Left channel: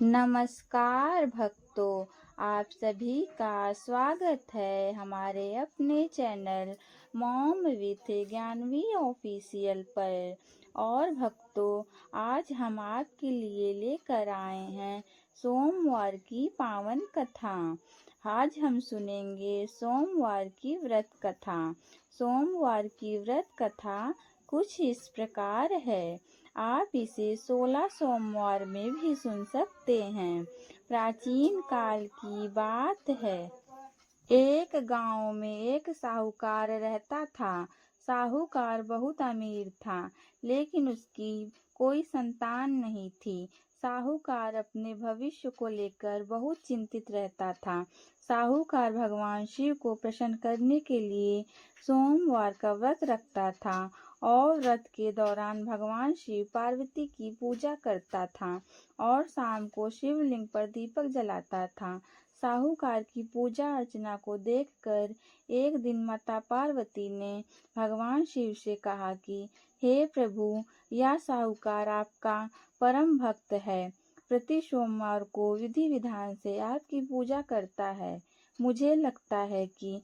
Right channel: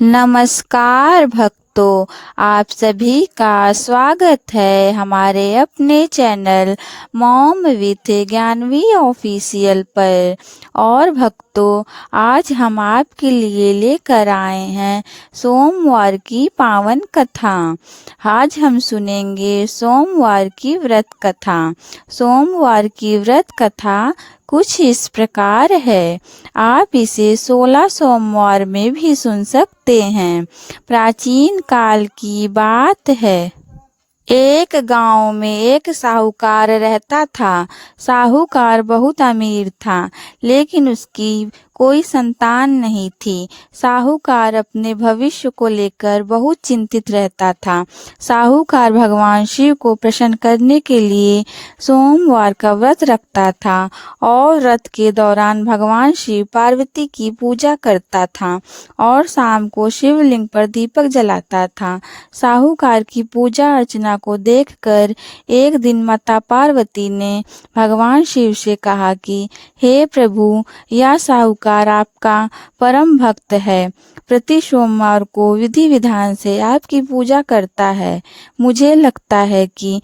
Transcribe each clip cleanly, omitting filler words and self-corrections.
नमस्कार भक्तों, आप सभी का स्वागत है हमारे अपने channel mom with Gyanvi official पर। और भक्तों, आज हम आपके लिए लेकर आए हैं सोमवार की पावन कथा। आज हम सुनेंगे सोमवार की व्रत कथा। सोमवार की व्रत कथा कुछ इस प्रकार है। आप इसे 16 सोमवार में भी सुन सकते हैं। प्राचीन काल की बात है। एक गांव में एक साहूकार रहता था। साहूकार बहुत अमीर था, लेकिन उसकी कोई संतान नहीं थी। साहूकार अपने भविष्य को लेकर बहुत चिंतित रहता था। साहूकार भगवान शिव को प्रसन्न करने के लिए सोमवार का व्रत रखता था और व्रत के दौरान भगवान शिव पार्वती की पूजा करता था और शाम को शिवलिंग पर दीपक जलाता था। साहूकार की पूजा अर्चना को देखकर एक दिन माता पार्वती ने भगवान शिव से कहा कि हे प्रभु, यह साहूकार आपका परम भक्त है। प्रति सोमवार को विधि विधान से आपकी पूजा करता है। मुझे लगता है कि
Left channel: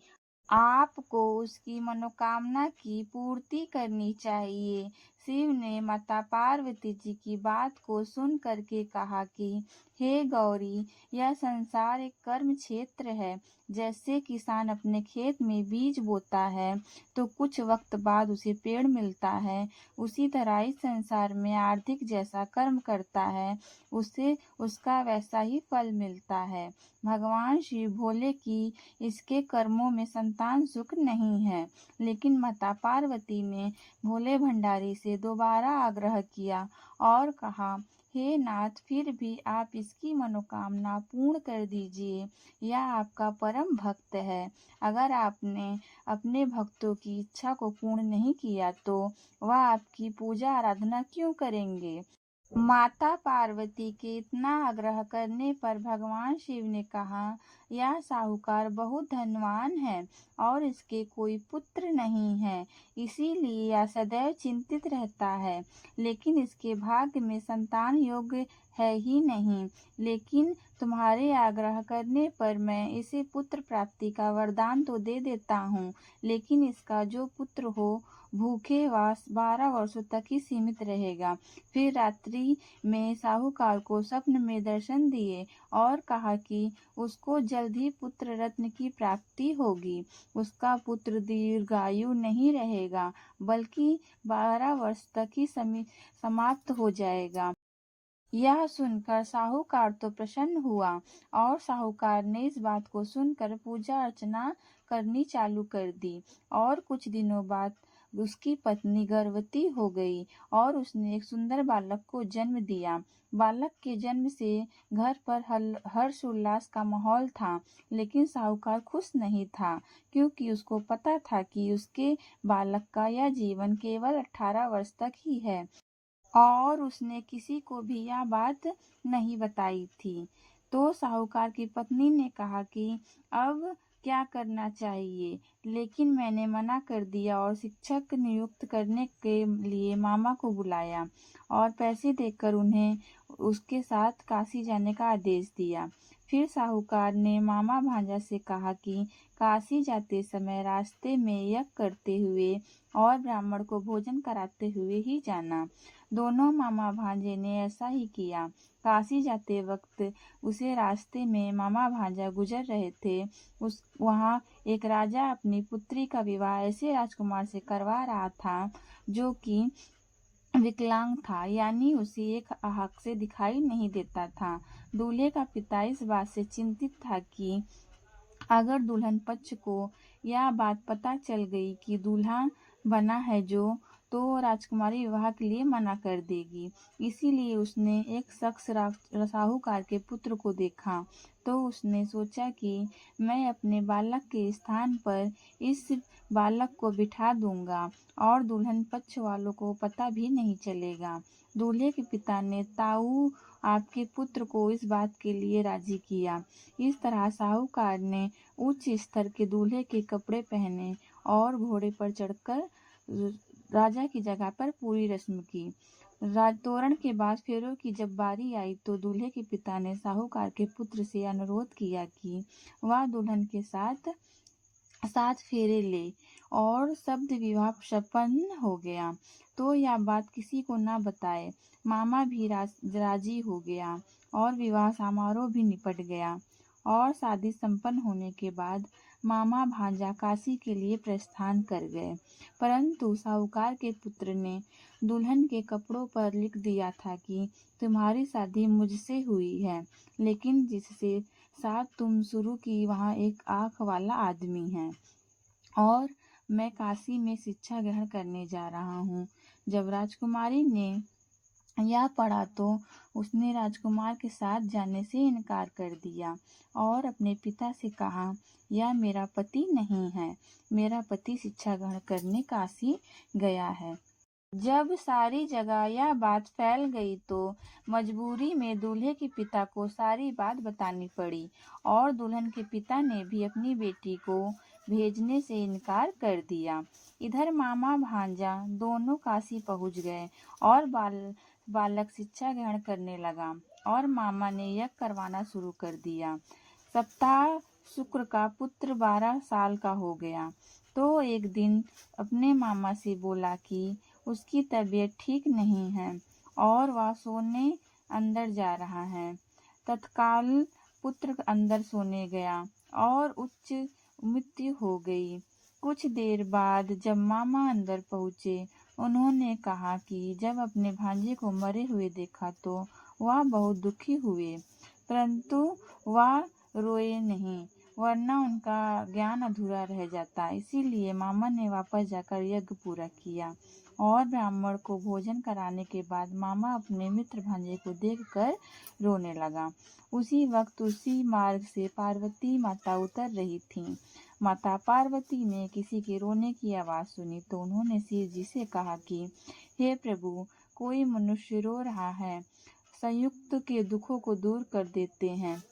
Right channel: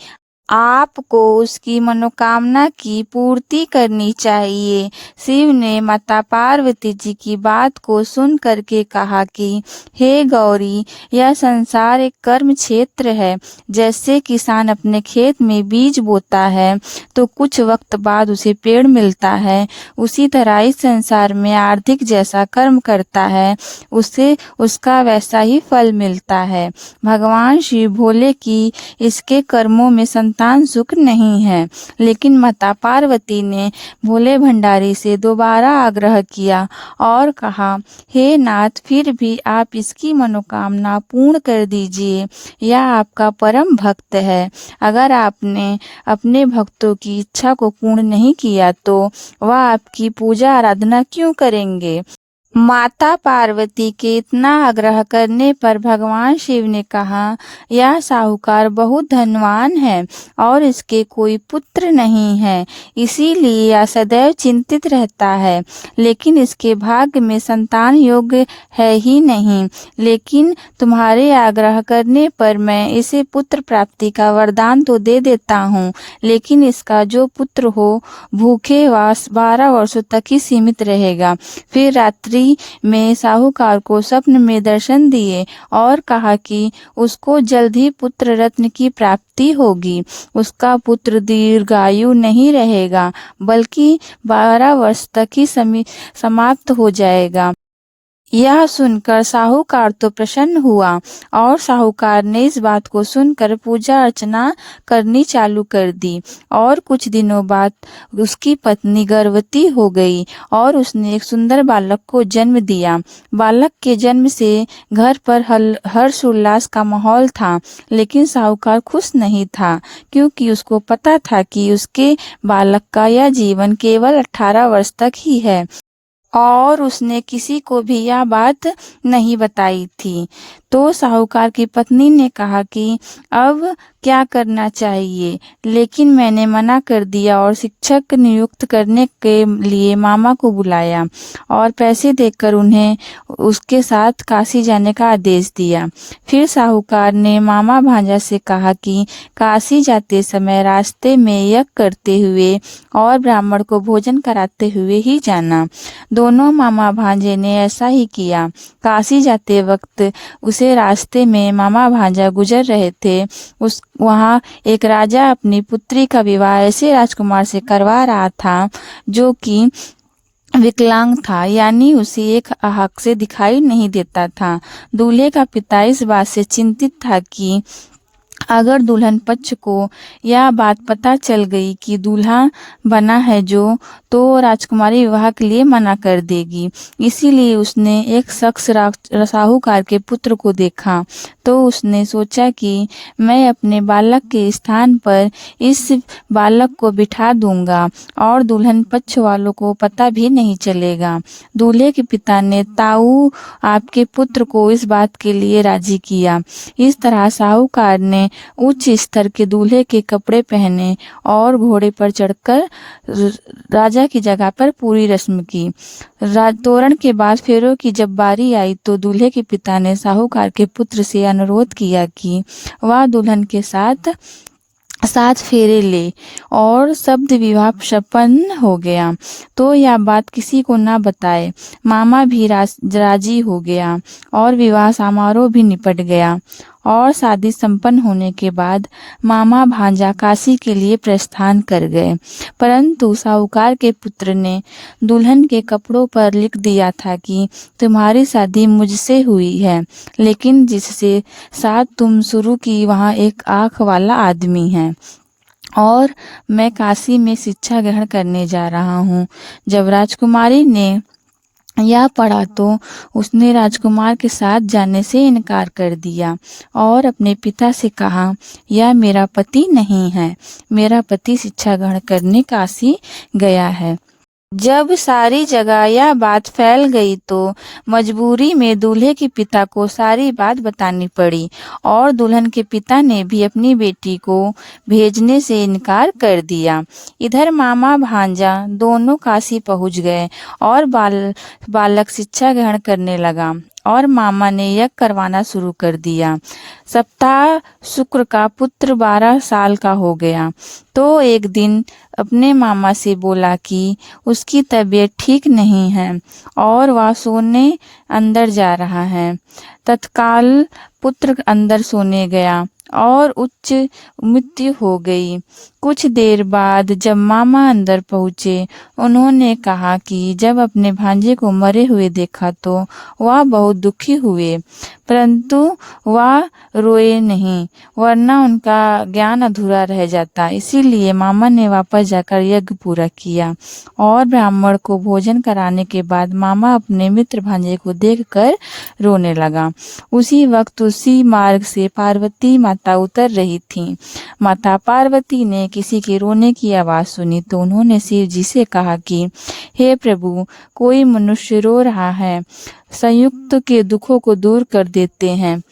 आपको उसकी मनोकामना की पूर्ति करनी चाहिए। शिव ने माता पार्वती जी की बात को सुन करके कहा कि हे गौरी, यह संसार एक कर्म क्षेत्र है। जैसे किसान अपने खेत में बीज बोता है तो कुछ वक्त बाद उसे पेड़ मिलता है, उसी तरह इस संसार में आर्थिक जैसा कर्म करता है उसे उसका वैसा ही फल मिलता है। भगवान शिव बोले कि इसके कर्मों में संतान सुख नहीं है, लेकिन माता पार्वती ने भोले भंडारी से दोबारा आग्रह किया और कहा, हे नाथ, फिर भी आप इसकी मनोकामना पूर्ण कर दीजिए। यह आपका परम भक्त है। अगर आपने अपने भक्तों की इच्छा को पूर्ण नहीं किया तो वह आपकी पूजा आराधना क्यों करेंगे। माता पार्वती के इतना आग्रह करने पर भगवान शिव ने कहा, यह साहूकार बहुत धनवान है और इसके कोई पुत्र नहीं है, इसीलिए यह सदैव चिंतित रहता है। लेकिन इसके भाग्य में संतान योग्य है ही नहीं। लेकिन तुम्हारे आग्रह करने पर मैं इसे पुत्र प्राप्ति का वरदान तो दे देता हूँ, लेकिन इसका जो पुत्र हो भूखे वास 12 वर्षों तक ही सीमित रहेगा। फिर रात्रि में साहूकार को स्वप्न में दर्शन दिए और कहा कि उसको जल्द ही पुत्र रत्न की प्राप्ति होगी। उसका पुत्र दीर्घायु नहीं रहेगा, बल्कि 12 वर्ष तक ही समाप्त हो जाएगा। यह सुनकर साहूकार तो प्रसन्न हुआ और साहूकार ने इस बात को सुनकर पूजा अर्चना करनी चालू कर दी। और कुछ दिनों बाद उसकी पत्नी गर्भवती हो गई और उसने एक सुंदर बालक को जन्म दिया। बालक के जन्म से घर पर हर्ष उल्लास का माहौल था, लेकिन साहूकार खुश नहीं था, क्योंकि उसको पता था कि उसके बालक का यह जीवन केवल 18 वर्ष तक ही है और उसने किसी को भी यह बात नहीं बताई थी। तो साहूकार की पत्नी ने कहा कि अब क्या करना चाहिए, लेकिन मैंने मना कर दिया और शिक्षक नियुक्त करने के लिए मामा को बुलाया और पैसे देकर उन्हें उसके साथ काशी जाने का आदेश दिया। फिर साहूकार ने मामा भांजा से कहा कि काशी जाते समय रास्ते में यज्ञ करते हुए और ब्राह्मण को भोजन कराते हुए ही जाना। दोनों मामा भांजे ने ऐसा ही किया। काशी जाते वक्त उसे रास्ते में मामा भांजा गुजर रहे थे। वहाँ एक राजा अपनी पुत्री का विवाह ऐसे राजकुमार से करवा रहा था जो कि विकलांग था, यानी उसे एक आँख से दिखाई नहीं देता था। दूल्हे का पिता इस बात से चिंतित था कि अगर दुल्हन पक्ष को यह बात पता चल गई कि दूल्हा बना है जो, तो राजकुमारी विवाह के लिए मना कर देगी। इसीलिए उसने एक शख्स साहूकार के पुत्र को देखा तो उसने सोचा कि मैं अपने बालक के स्थान पर इस बालक को बिठा दूंगा और दुल्हन पक्ष वालों को पता भी नहीं चलेगा। दूल्हे के पिता ने ताऊ आपके पुत्र को इस बात के लिए राजी किया। इस तरह साहूकार ने उच्च स्तर के दूल्हे के कपड़े पहने और घोड़े पर चढ़कर राजा की जगह पर पूरी रस्म की। तोरण के बाद फेरों की जब बारी आई तो दूल्हे के पिता ने साहूकार के पुत्र से अनुरोध किया कि वह दुल्हन के साथ 7 फेरे ले, और शब्द विवाह संपन्न हो गया। तो यह बात किसी को ना बताए। मामा भी राजी हो गया और विवाह समारोह भी निपट गया। और शादी संपन्न होने के बाद मामा भांजा काशी के लिए प्रस्थान कर गए। परंतु साहूकार के पुत्र ने दुल्हन के कपड़ों पर लिख दिया था कि तुम्हारी शादी मुझसे हुई है, लेकिन जिससे साथ तुम शुरू की वहाँ एक आँख वाला आदमी है, और मैं काशी में शिक्षा ग्रहण करने जा रहा हूँ। जब राजकुमारी ने यह पढ़ा तो उसने राजकुमार के साथ जाने से इनकार कर दिया और अपने पिता से कहा, यह मेरा पति नहीं है, मेरा पति शिक्षा ग्रहण करने काशी गया है। जब सारी जगह यह बात फैल गई तो मजबूरी में दूल्हे के पिता को सारी बात बतानी पड़ी, और दुल्हन के पिता ने भी अपनी बेटी को भेजने से इनकार कर दिया। इधर मामा भांजा दोनों काशी पहुंच गए और बालक शिक्षा ग्रहण करने लगा, और मामा ने यज्ञ करवाना शुरू कर दिया। सप्ताह शुक्र का पुत्र 12 साल का हो गया तो एक दिन अपने मामा से बोला कि उसकी तबीयत ठीक नहीं है और वह सोने अंदर जा रहा है। तत्काल पुत्र अंदर सोने गया और उच्च मृत्यु हो गई। कुछ देर बाद जब मामा अंदर पहुँचे, उन्होंने कहा कि जब अपने भांजे को मरे हुए देखा तो वह बहुत दुखी हुए, परंतु वह रोए नहीं, वरना उनका ज्ञान अधूरा रह जाता। इसीलिए मामा ने वापस जाकर यज्ञ पूरा किया, और ब्राह्मण को भोजन कराने के बाद मामा अपने मित्र भांजे को देखकर रोने लगा। उसी वक्त उसी मार्ग से पार्वती माता उतर रही थीं। माता पार्वती ने किसी के रोने की आवाज़ सुनी तो उन्होंने शिव जी से कहा कि हे प्रभु, कोई मनुष्य रो रहा है, संयुक्त के दुखों को दूर कर देते हैं।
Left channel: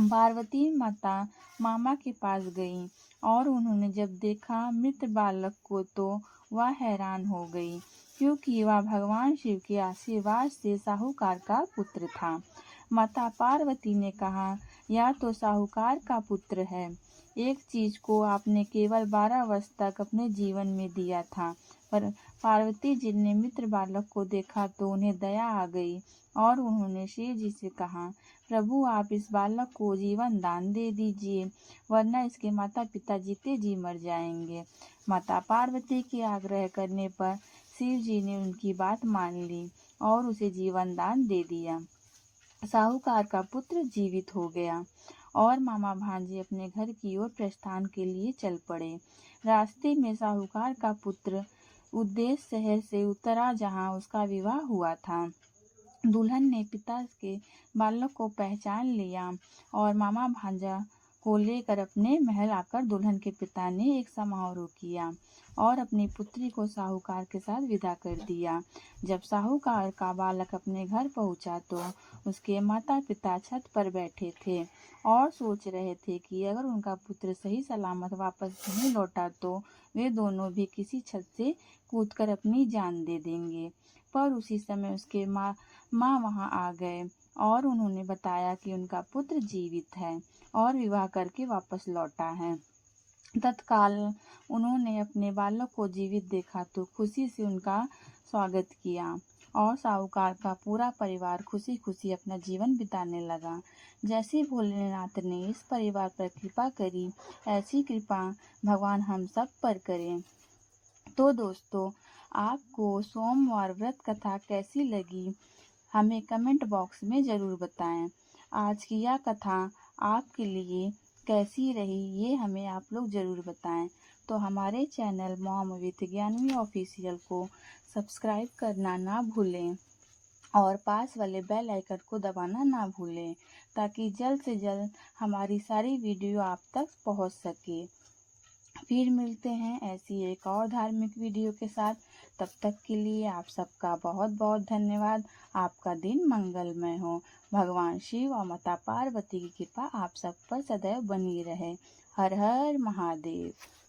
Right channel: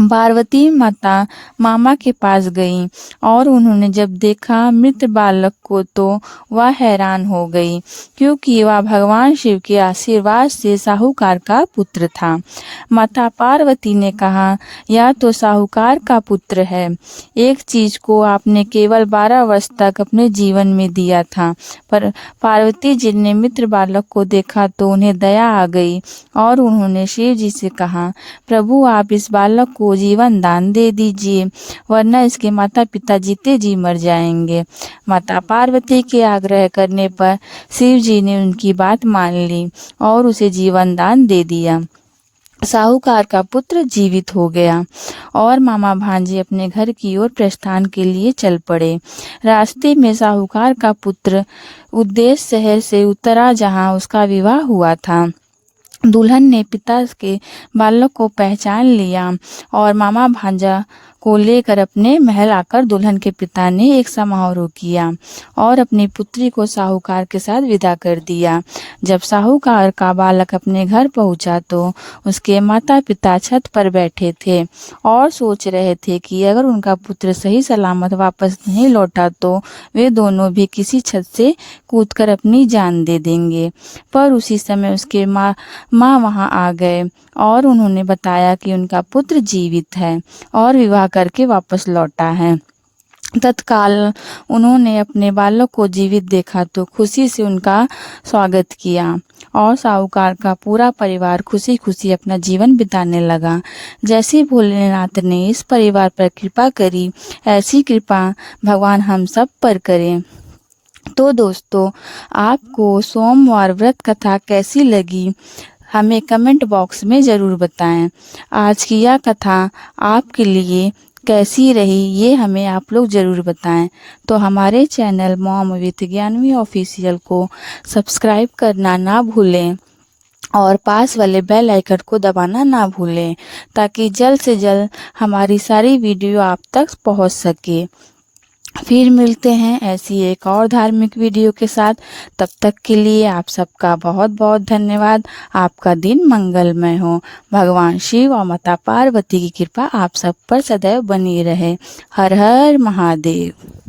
पार्वती माता मामा के पास गई और उन्होंने जब देखा मृत बालक को तो वह हैरान हो गई, क्योंकि वह भगवान शिव के आशीर्वाद से साहूकार का पुत्र था। माता पार्वती ने कहा, यह तो साहूकार का पुत्र है। एक चीज को आपने केवल 12 वर्ष तक अपने जीवन में दिया था। पर पार्वती जी ने मित्र बालक को देखा तो उन्हें दया आ गई और उन्होंने शिव जी से कहा, प्रभु आप इस बालक को जीवन दान दे दीजिए, वरना इसके माता पिता जीते जी मर जाएंगे। माता पार्वती के आग्रह करने पर शिव जी ने उनकी बात मान ली और उसे जीवन दान दे दिया। साहूकार का पुत्र जीवित हो गया और मामा भांजे अपने घर की ओर प्रस्थान के लिए चल पड़े। रास्ते में साहूकार का पुत्र उद्देश्य शहर से उतरा जहां उसका विवाह हुआ था। दुल्हन ने पिता के बालक को पहचान लिया और मामा भांजा को लेकर अपने महल आकर दुल्हन के पिता ने एक समारोह किया और अपनी पुत्री को साहूकार के साथ विदा कर दिया। जब साहूकार का बालक अपने घर पहुंचा तो उसके माता पिता छत पर बैठे थे और सोच रहे थे कि अगर उनका पुत्र सही सलामत वापस नहीं लौटा तो वे दोनों भी किसी छत से कूदकर अपनी जान दे देंगे। पर उसी समय उसके माँ वहां आ गए और उन्होंने बताया कि उनका पुत्र जीवित है और विवाह करके वापस लौटा है। तत्काल उन्होंने अपने बालक को जीवित देखा तो खुशी से उनका स्वागत किया और साहूकार का पूरा परिवार खुशी खुशी अपना जीवन बिताने लगा। जैसे भोलेनाथ ने इस परिवार पर कृपा करी, ऐसी कृपा भगवान हम सब पर करें। तो दोस्तों, आपको सोमवार व्रत कथा कैसी लगी हमें कमेंट बॉक्स में ज़रूर बताएं। आज की यह कथा आपके लिए कैसी रही ये हमें आप लोग ज़रूर बताएं। तो हमारे channel mom with Gyanvi official को सब्सक्राइब करना ना भूलें और पास वाले बेल आइकन को दबाना ना भूलें, ताकि जल्द से जल्द हमारी सारी वीडियो आप तक पहुंच सके। फिर मिलते हैं ऐसी एक और धार्मिक वीडियो के साथ। तब तक के लिए आप सबका बहुत बहुत धन्यवाद। आपका दिन मंगलमय हो। भगवान शिव और माता पार्वती की कृपा आप सब पर सदैव बनी रहे। हर हर महादेव।